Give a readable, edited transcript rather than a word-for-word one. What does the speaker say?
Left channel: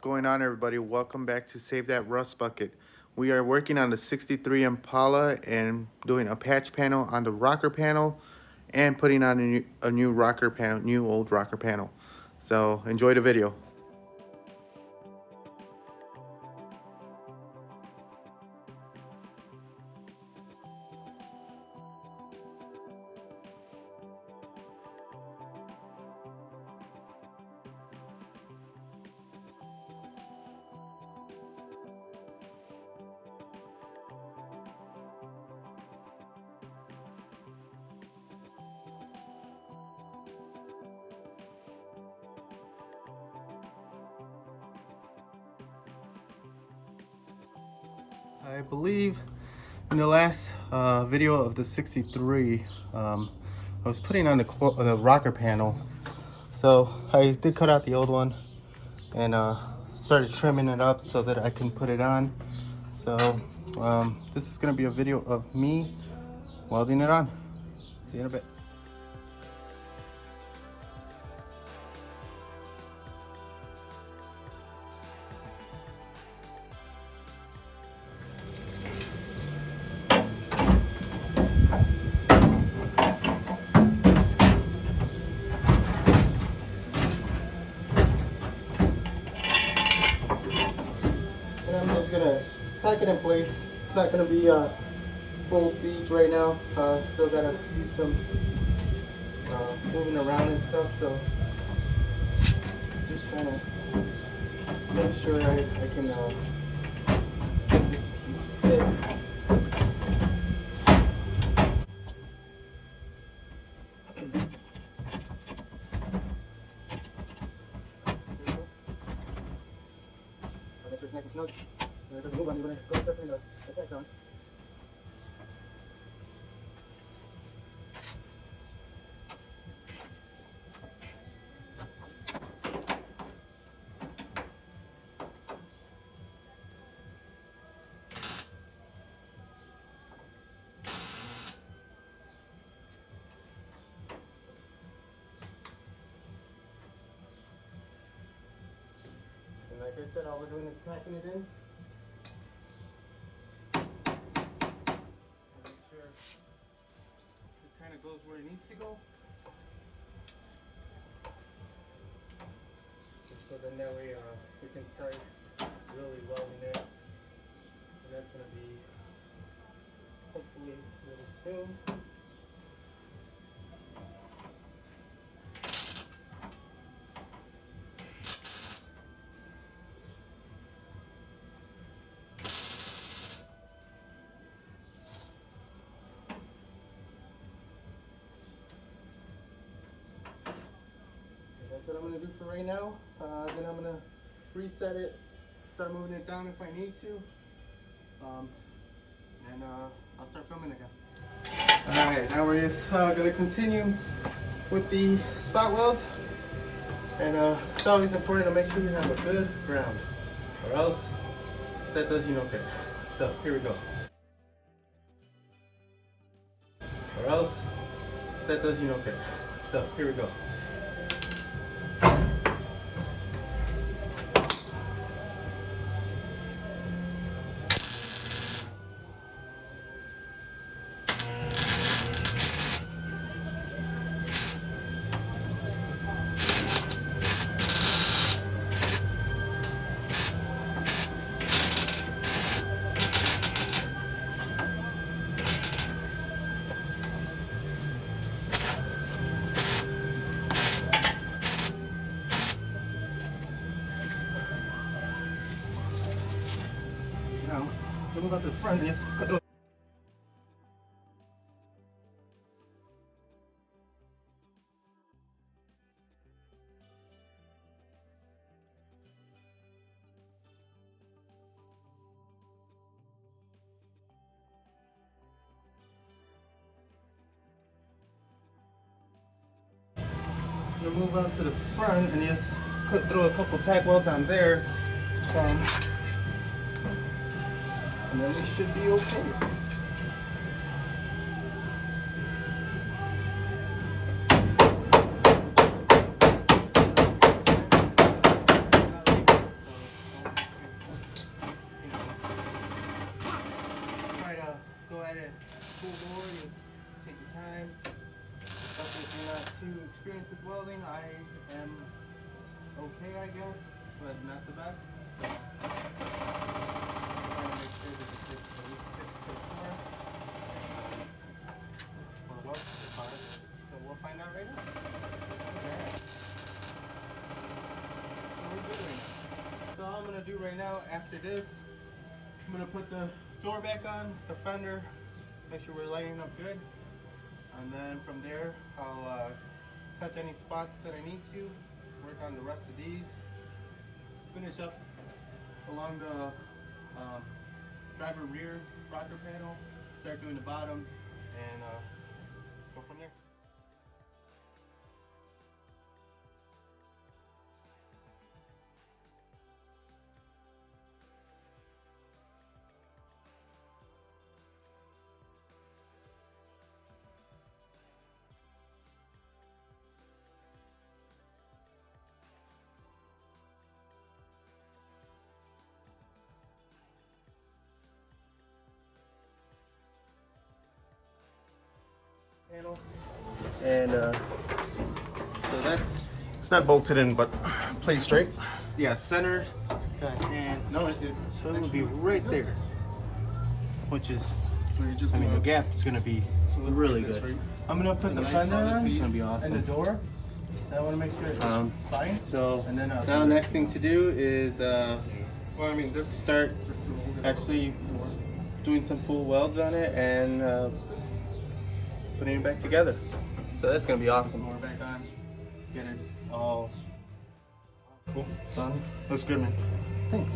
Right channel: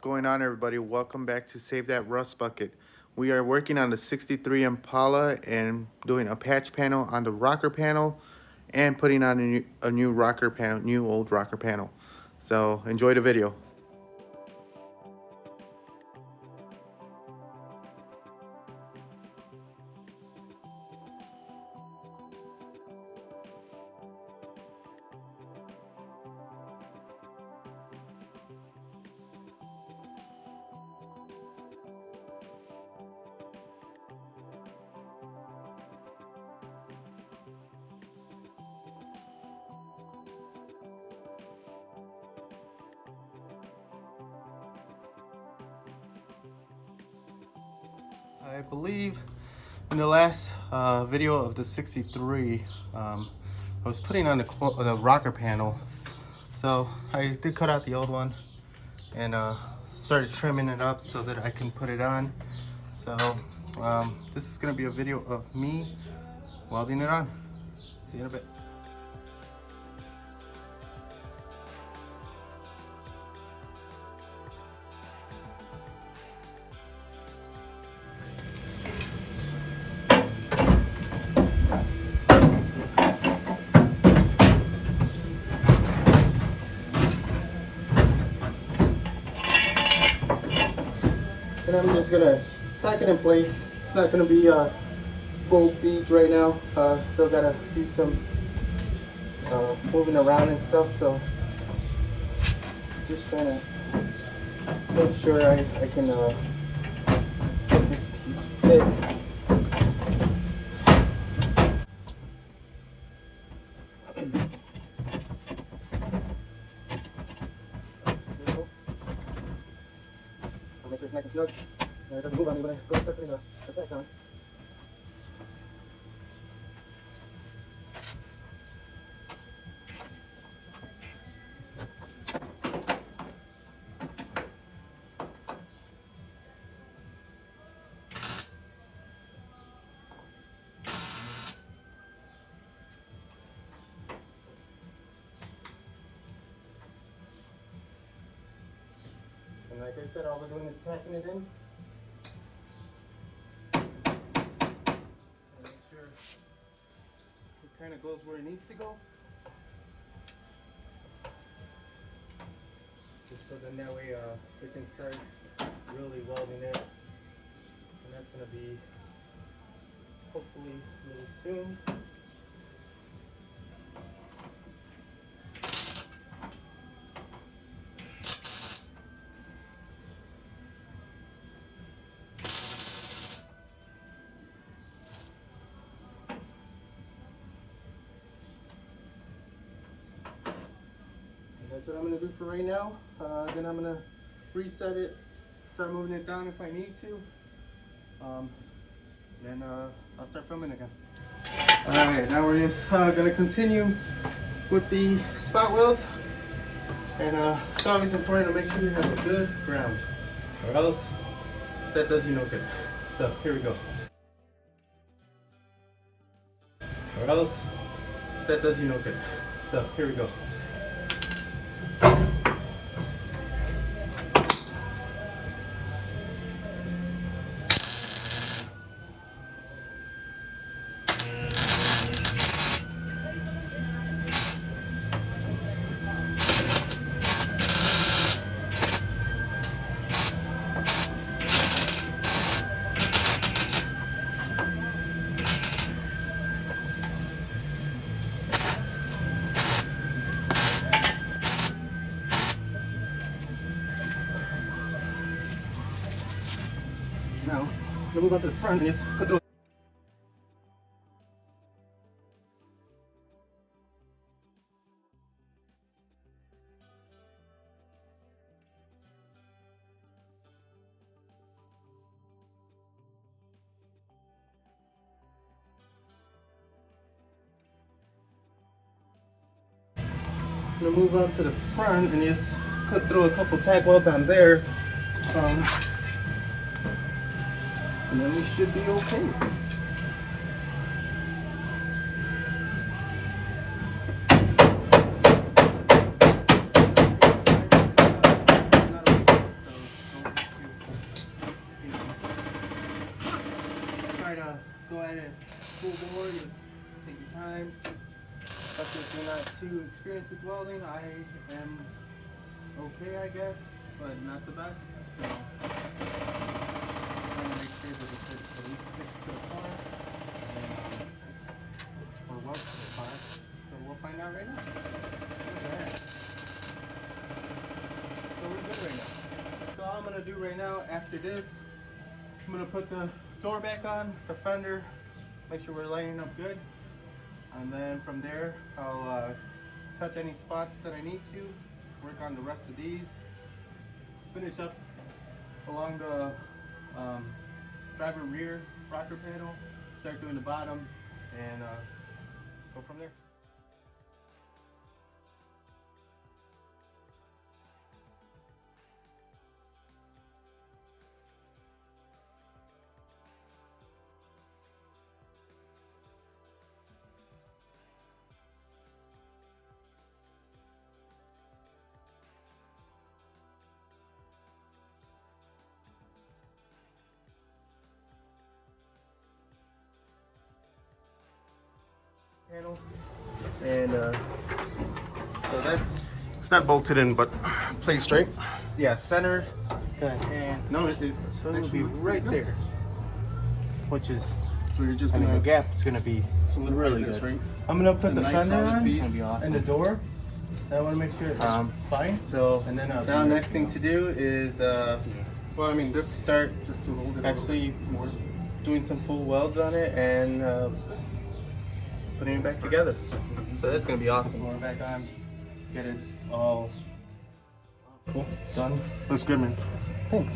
going on, everybody? Welcome back to Save That Rust Bucket. We are working on the 63 Impala and doing a patch panel on the rocker panel and putting on a new rocker panel, new old rocker panel. So enjoy the video. I believe in the last video of the 63, I was putting on the rocker panel. So I did cut out the old one and started trimming it up so that I can put it on. So this is going to be a video of me welding it on. See you in a bit. And I'm just gonna tack it in place. It's not gonna be full beads right now. Still gotta do some moving around and stuff. So just trying to make sure I can get this piece fit. Make sure it's nice and snug. And it doesn't move on me when I go to start putting the pegs on. And like I said, all we're doing is tacking it in. Make sure it kind of goes where it needs to go. Just so then that way we can start really welding it. And that's going to be hopefully really soon. That's what I'm going to do for right now. Then I'm going to reset it, start moving it down if I need to. Then I'll start filming again. Alright, now we're just going to continue with the spot welds. And it's always important to make sure you have a good ground, or else that does you no good. So here we go. Or else that does you no good. So here we go. Now, we'll move out to the front and just cut through. We'll move out to the front and just throw a couple tack welds on there. And then we should be okay. full bore. You just take your time. Especially if you're not too experienced with welding. I am okay, I guess, but not the best. So I'm gonna make sure that it at least sticks to the corner and or welds to the car. So we'll find out right now. Okay. So we're good right now. So all I'm gonna do right now after this, I'm gonna put the door back on, the fender, make sure we're lining up good. And then from there, I'll touch any spots that I need to, work on the rest of these, finish up along the driver rear rocker panel, start doing the bottom, and go from there. And so that's, It's not bolted in, but placed straight. yeah, centered. And no, so it would be right there, which is, so you're just I mean, gonna the gap is going to be really good. right? I'm going to put the nice fender solid on. piece. It's going to be awesome. And the door. I want to make sure it's fine. So And then now next thing to do is well, I mean, this start just to hold it actually doing some full welds on it and putting it back together. So that's going to be awesome. Going back on, get it all cool, done. Looks good, man. Thanks.